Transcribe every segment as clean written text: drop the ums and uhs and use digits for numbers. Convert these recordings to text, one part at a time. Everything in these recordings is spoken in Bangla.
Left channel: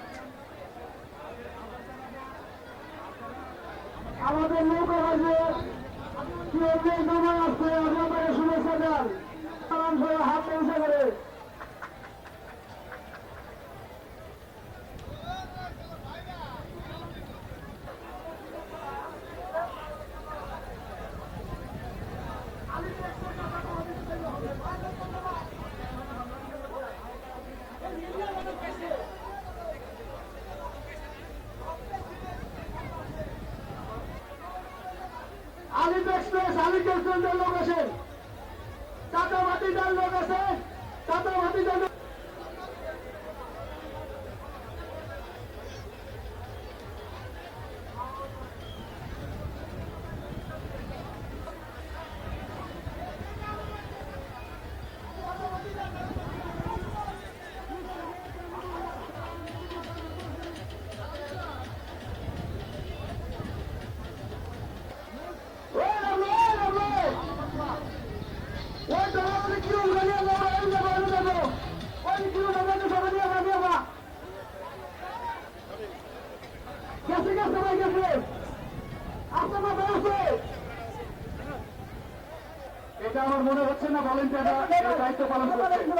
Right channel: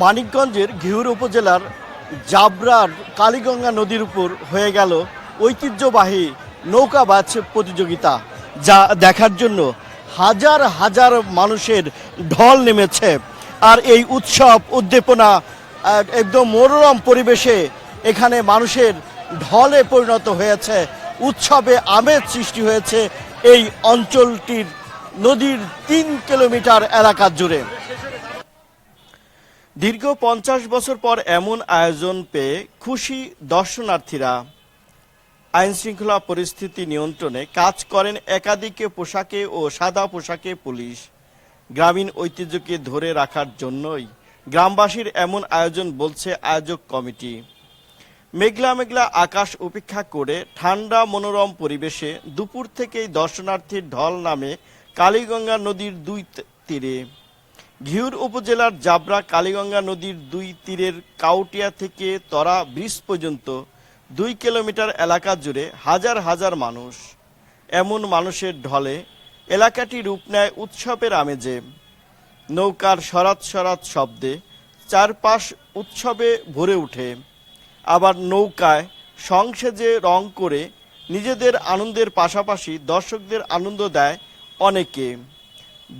মানিকগঞ্জের ঘিওর উপজেলার জাবরার কালীগঙ্গা নদীর উপর হয়ে গেল ঐতিহ্যবাহী নৌকাবাজ প্রতিযোগিতা, যা দেখার জন্য হাজার হাজার মানুষের ঢল নেমেছে। আর এই উৎসব উদ্দীপনা একদম মনোরম পরিবেশে এখানে মানুষের ঢলে পরিণত হয়েছে। উৎসবে আমেজ সৃষ্টি হয়েছে এই অঞ্চলটির নদীর ৩ কিলোমিটার এলাকা জুড়ে। দীর্ঘ ৫০ বছর পর এমন আয়োজন পেয়ে খুশি দর্শনার্থীরা। আইন শৃঙ্খলা পরিস্থিতি নিয়ন্ত্রণে কাজ করেন একাধিক পোশাকে ও সাদা পোশাকে পুলিশ। গ্রামীণ ঐতিহ্যকে ধরে রাখার জন্যই গ্রামবাসীর এমন আয়োজন বলছে আয়োজক কমিটি। মেঘলা মেঘলা আকাশ উপেক্ষা করে ঠান্ডা মনোরম পরিবেশে দুপুর থেকেই দর্শনার্থীর ঢল নামে কালীগঙ্গা নদীর দুই তীরে। ঘিওর উপজেলার জাবরা কালীগঙ্গা নদীর দুই তীরের কাউটিয়া থেকে তরা ব্রিজ পর্যন্ত ২ কিলোমিটার এলাকা জুড়ে হাজার হাজার মানুষ। এমন মানুষের ঢলে এলাকাটি রূপ নেয় উৎসবের আমেজে। নৌকার সরাত সরাত শব্দে চারপাশ উৎসবে ভরে ওঠে। আবার নৌকায় সংসেজে রং করে নিজেদের আনন্দের পাশাপাশি দর্শকদের আনন্দ দেয় অনেকে।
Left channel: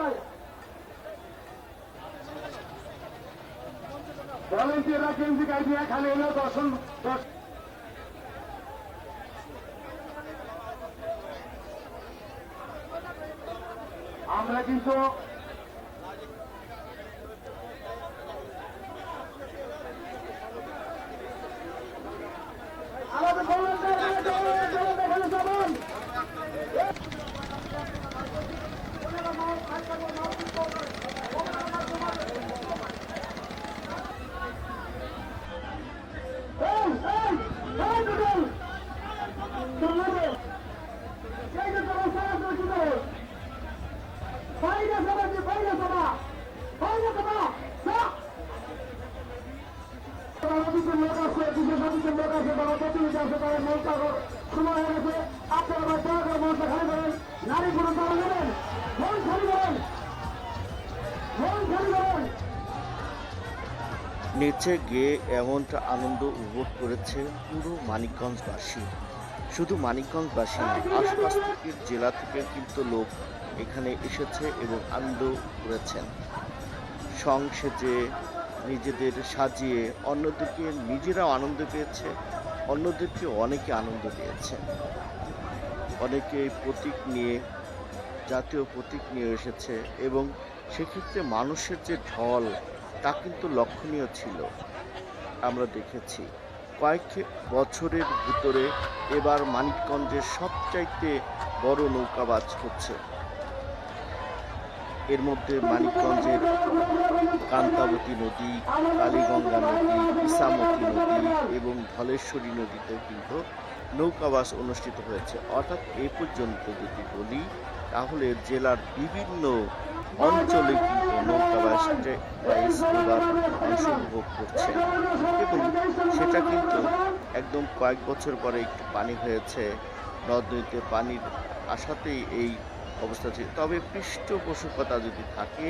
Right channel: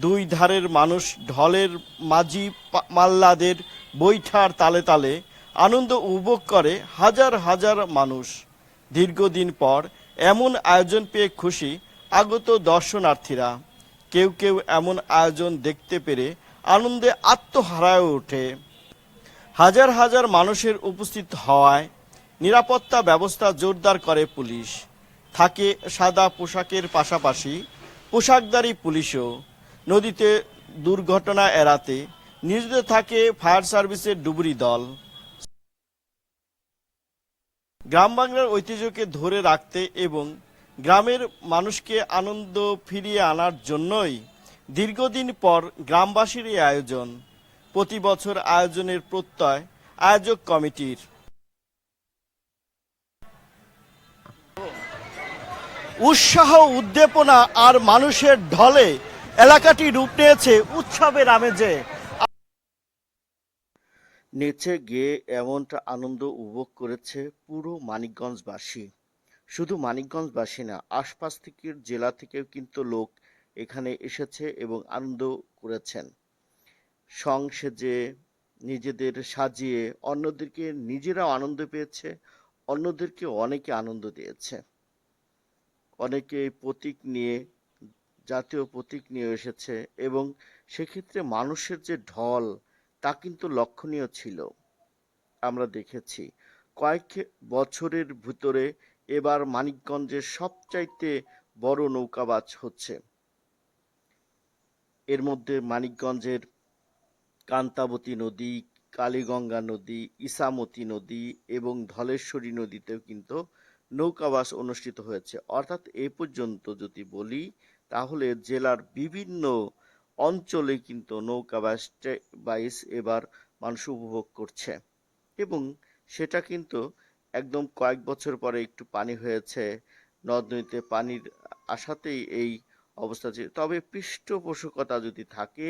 দুই ধারের মানুষ ঢলের মাঝি মাল্লাদের বৈঠার তালে তালে আনন্দ উপভোগ করে হাজার হাজার মানুষ। দীর্ঘদিন পর এমন আয়োজন পেয়ে খুশি আগত দর্শনার্থীরা। কেউ কেউ এমন আয়োজন দেখতে পেরে আনন্দে আত্মহারায় ওঠে। হাজার হাজার মানুষের উপস্থিত হওয়ায় নিরাপত্তা ব্যবস্থা জোরদার করে পুলিশ। থাকে সাদা পোশাকের পাশাপাশি পোশাকধারী পুলিশও। নদীতে দুর্ঘটনা এড়াতে নিয়োজিত থাকে ফায়ার সার্ভিসের ডুবুরি দল। গ্রাম বাংলার ঐতিহ্যকে ধরে রাখতে এবং গ্রামের মানুষকে আনন্দ ফিরিয়ে আনার জন্যই দীর্ঘদিন পর গ্রামবাসীর এই আয়োজন। প্রতি বছর আয়োজনের প্রত্যয় আয়োজক কমিটির। উৎসাহ উদ্দীপনা আর মানুষের ঢলে এলাকাটি রূপ নিয়েছে উৎসবের আমেজে। নেচে গিয়ে এমনটা আনন্দ উপভোগ করেছে পুরো মানিকগঞ্জবাসী। শুধু মানিকগঞ্জবাসী না, আশপাশ থেকে জেলা থেকে কিন্তু লোক এখানে এসেছে এবং আনন্দ করেছেন। সংসেজে নিজেদের সাজিয়ে অন্যদেরকে নিজেরাও আনন্দ পেয়েছে, অন্যদেরকে অনেকে আনন্দ দিয়েছে। অনেকে প্রতীক নিয়ে, জাতীয় প্রতীক নিয়ে এসেছে এবং সেক্ষেত্রে মানুষের যে ঢল তা কিন্তু লক্ষণীয় ছিল। আমরা দেখেছি কয়েক বছরের ভিতরে এবার মানিকগঞ্জের সবচাইতে বড় নৌকাবাজ হচ্ছে। এর মধ্যে মানিকগঞ্জের কান্তাবতী নদী, কালীগঙ্গা নদী, ইসামতি নদী এবং ধলেশ্বরী নদীতেও কিন্তু নৌকাবাস অনুষ্ঠিত হয়েছে। অর্থাৎ এ পর্যন্ত যদি বলি তাহলে জেলার বিভিন্ন অঞ্চলে কিন্তু নৌকাবাস এবার অংশ উপভোগ করছে এবং সেটা কিন্তু একদম কয়েক বছর পরে একটু পানি হয়েছে, নদ নদীতে পানির আসাতেই এই অবস্থা ছিল। তবে পৃষ্ঠপোষকতা যদি থাকে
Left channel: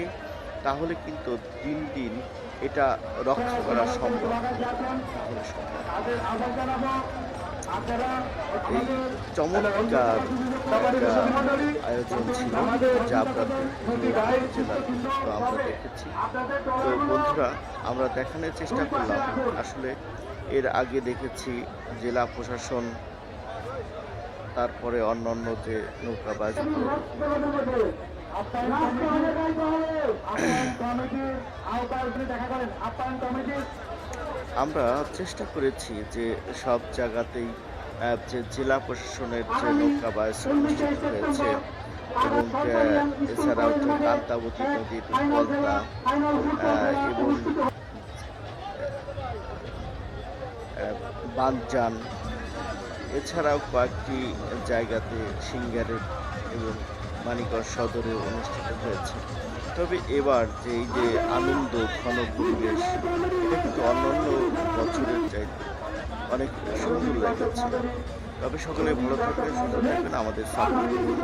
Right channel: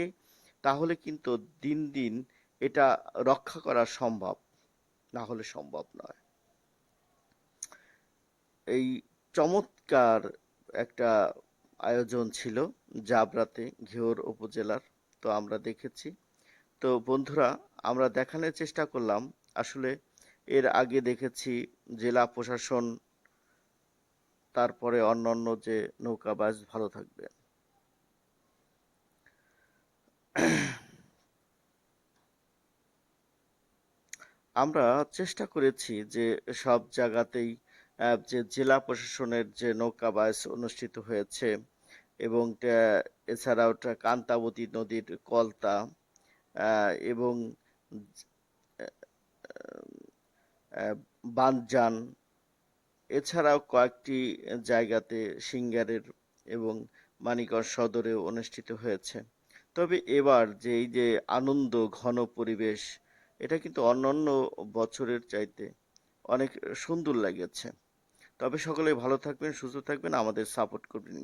তাহলে কিন্তু দিন দিন এটা রক্ষা করা সম্ভব, তাহলে সম্ভব। এই চমৎকার একটা আয়োজন ছিল জাবরাতে ঘিওর উপজেলার, তো আমরা দেখেছি। তো বন্ধুরা, আমরা দেখানোর চেষ্টা করলাম আসলে এর আগে দেখেছি জেলা প্রশাসন, তারপরে অন্যান্য যে নৌকাবাজ ভালো থাকবে। আমরা চেষ্টা করেছি যে সব জায়গাতেই যে জেলা প্রশাসনের যে নৌকাবাজ অনুষ্ঠিত হয়েছে এবং এছাড়াও কান্তাবতী নদীর পলতা এবং বানজান, এছাড়াও কয়েকটি জায়গাতে সিঙ্গারের এবং মানিকগঞ্জ সদরে অনুষ্ঠিত হয়েছে। তবে এবার যে এই যে আনন্দ ঘন পরিবেশ, এটা কিন্তু অন্যান্য বছরের চাইতে অনেক সুন্দর লেগেছে। তবে সকলে ভালো থাকবেন, সুস্থ থাকবেন, আমাদের সাপোর্ট করবেন।